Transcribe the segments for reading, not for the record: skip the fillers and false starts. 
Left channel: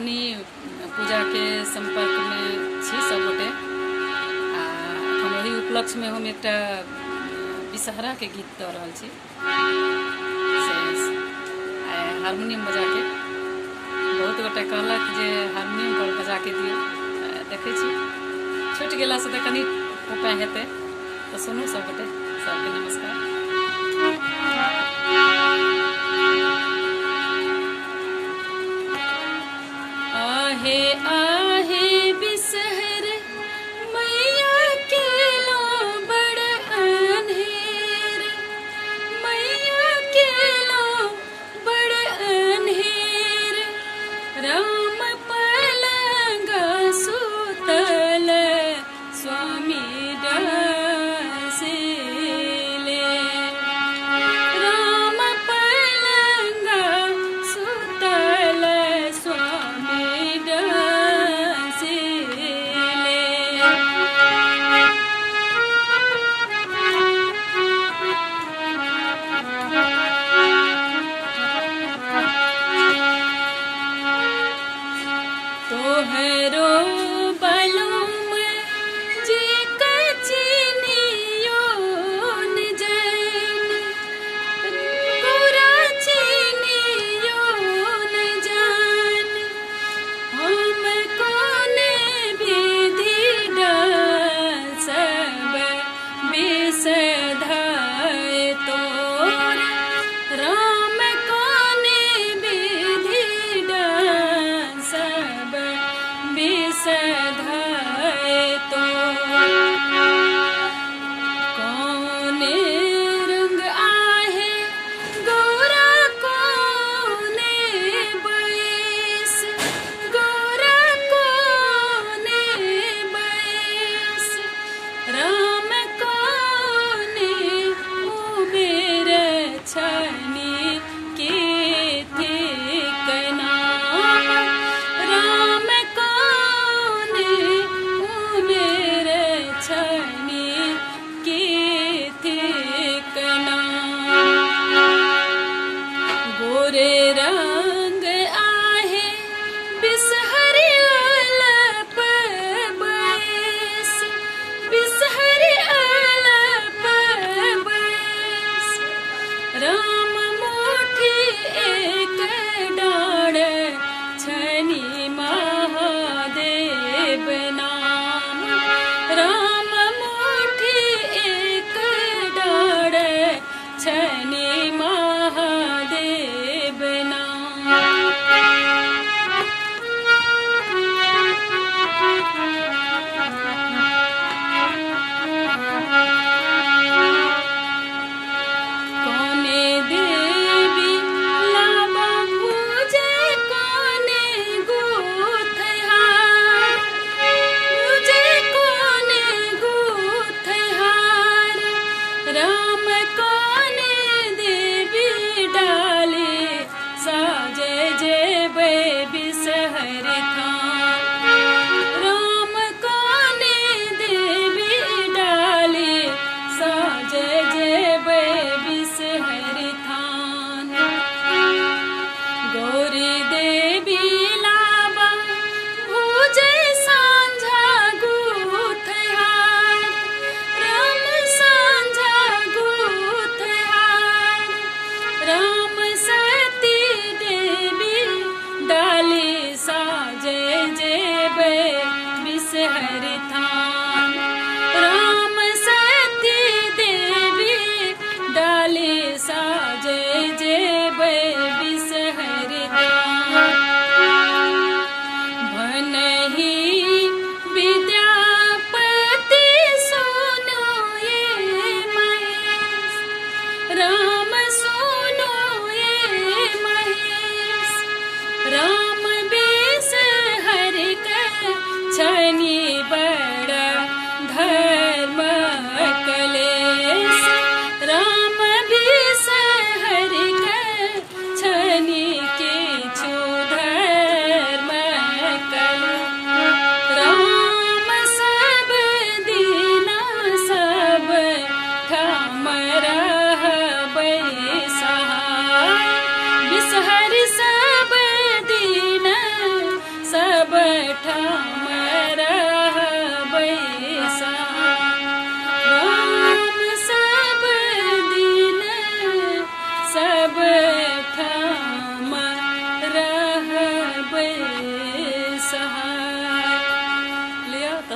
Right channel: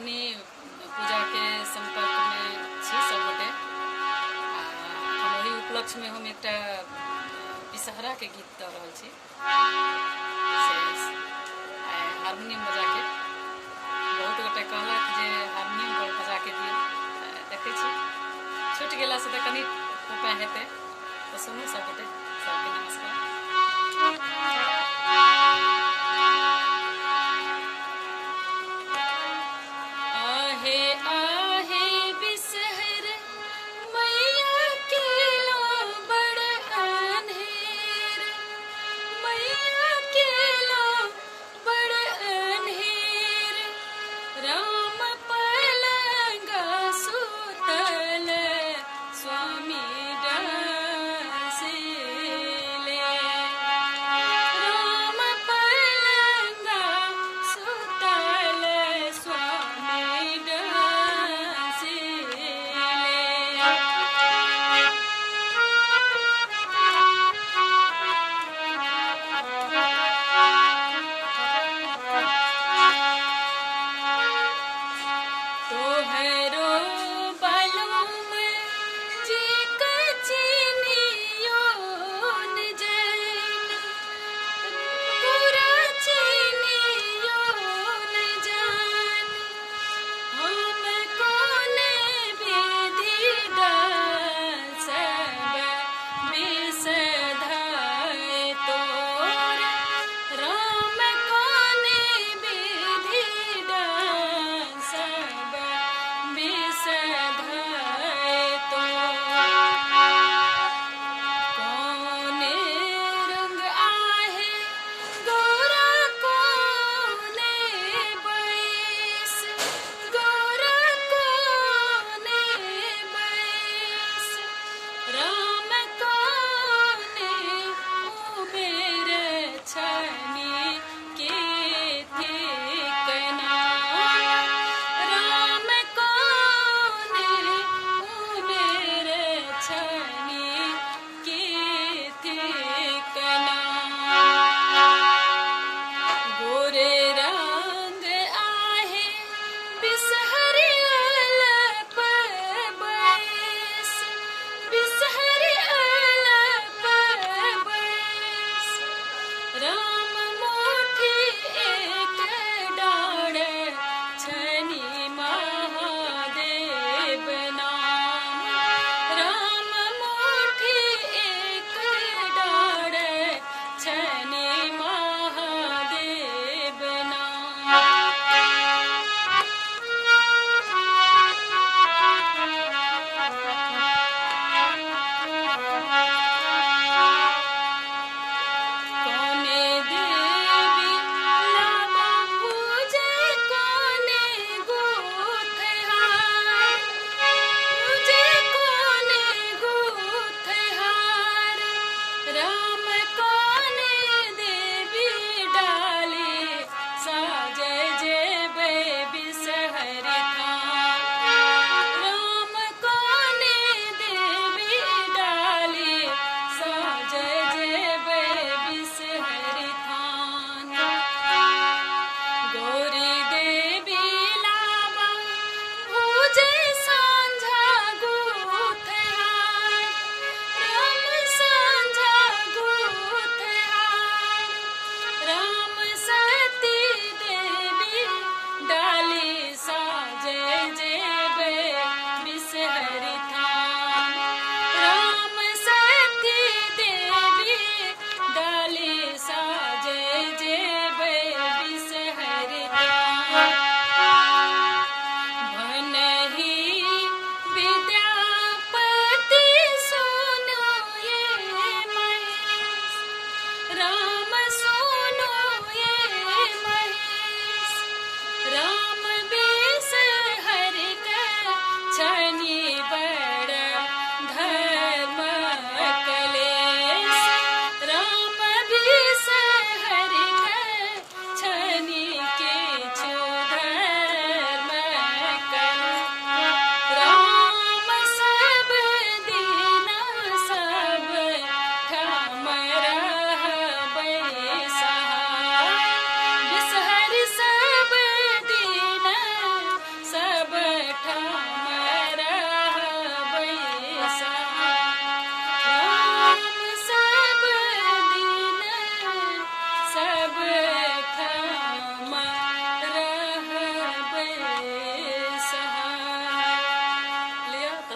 हमनी पूजा के संपर्क में छी सब गोटे। हम ओही उपलक्ष्य में हम एक विषहरा के गीत दऽ रहल छी हारमोनियम बजा के। बहुत गोटे कहलक जे हारमोनियम पर बजा के दियौ, देखै छी छूटि गेला से तऽ कनि उपाय हेतै। तऽ सुनू सब गोटे, सबके नमस्कार। आहे आहे बिसहर मैया के लो बड़ अन्हेर, मैया के लो बड़ अन्हेर। राम पलंग सुतल स्वामी डसेले, राम पलंग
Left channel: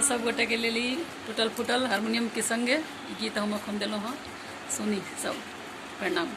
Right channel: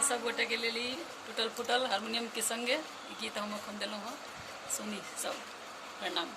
सब गोटे के लेल टूटल फूटल हारमोनियम के संगे गीत हम अखन दिलहुँ हँ। सुनी सब। प्रणाम।